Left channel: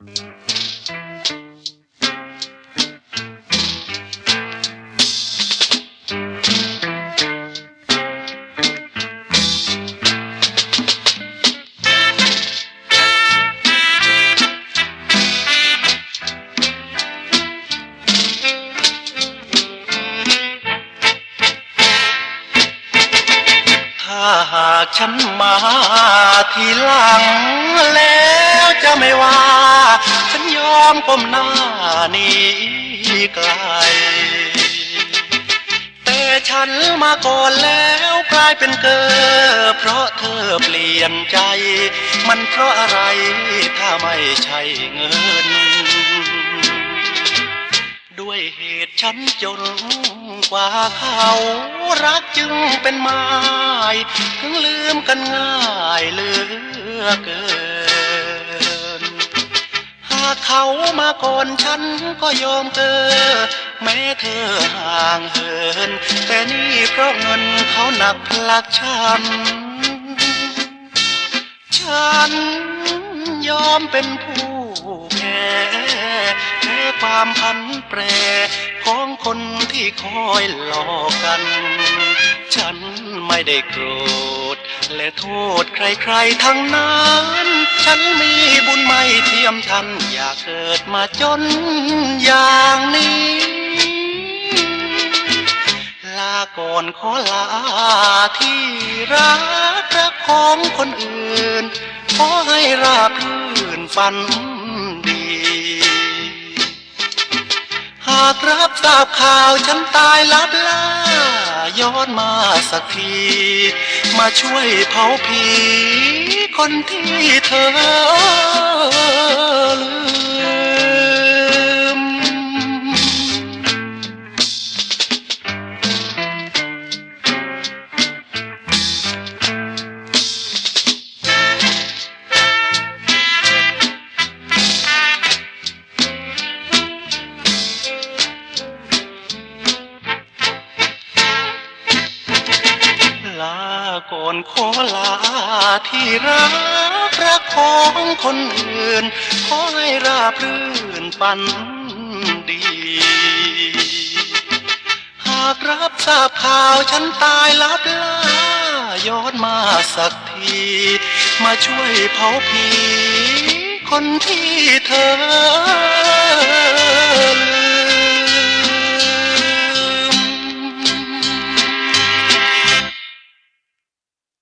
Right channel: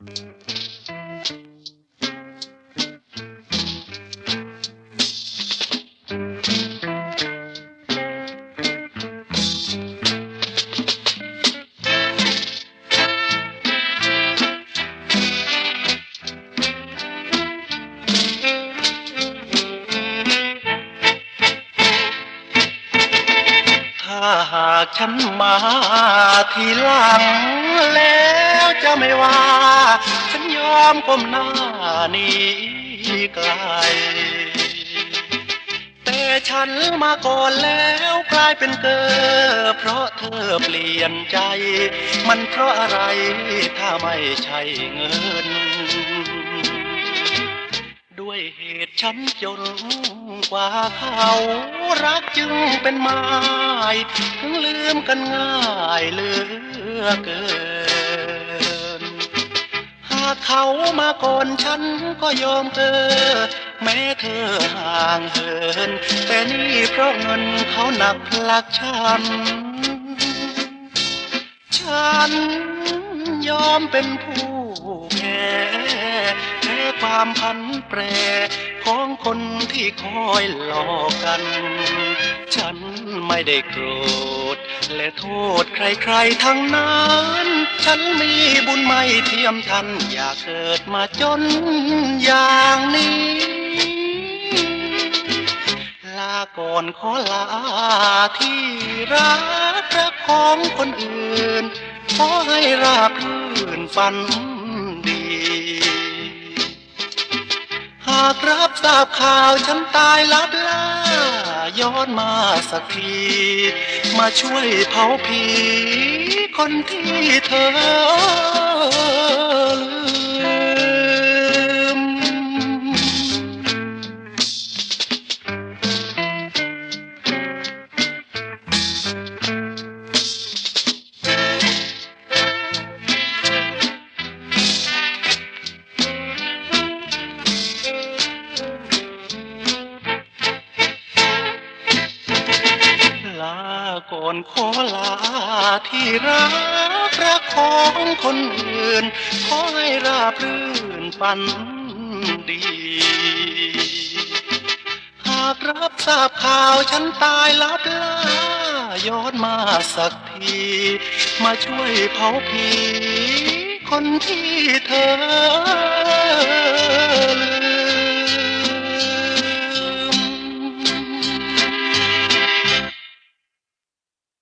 ถ้าฉันมาทีหลังแล้ว จะไม่ว่า ฉันยอมก้มหน้านี้ไกล แต่ฉันมาก่อนแล้วกลายเป็นเกอเพราะเธอเปลี่ยนใจ มันเพราะอะไรถ้าไม่ใช่เงิน ด้วยเหตุฉันจนกว่าเขารักจึงเป็นไม้ถึงลืมกันง่ายเหลือเกิน เขามาก่อนฉันก็ยอมเกินแม้เธอห่างเหิน แต่นี่เพราะเงินเขาหนักพลักฉัน ฉันยอมเป็นผู้แพ้แพ้ความพันแปรของคนที่คอยหลอกกัน ฉันไม่ได้โกรธ และโทษใครๆทั้งนั้น ฉันมีบุญไม่เทียมฉัน อยากเกิดมาจนอย่างนี้ ลาก่อนขอลาที่รักรักของคนอื่น ขอให้ราบรื่นฝันดี หากรับทราบข่าวฉันตายลับล่าย้อนมาสักที มาช่วยเผาผีคนที่เธอลืมลา ก่อนขอลาที่รักรักของคนอื่น ขอให้ราบรื่นปันดี หากรับทราบข่าวฉันตายลับล่าย้อนมาสักที มาช่วยเผาผีคนที่เธอ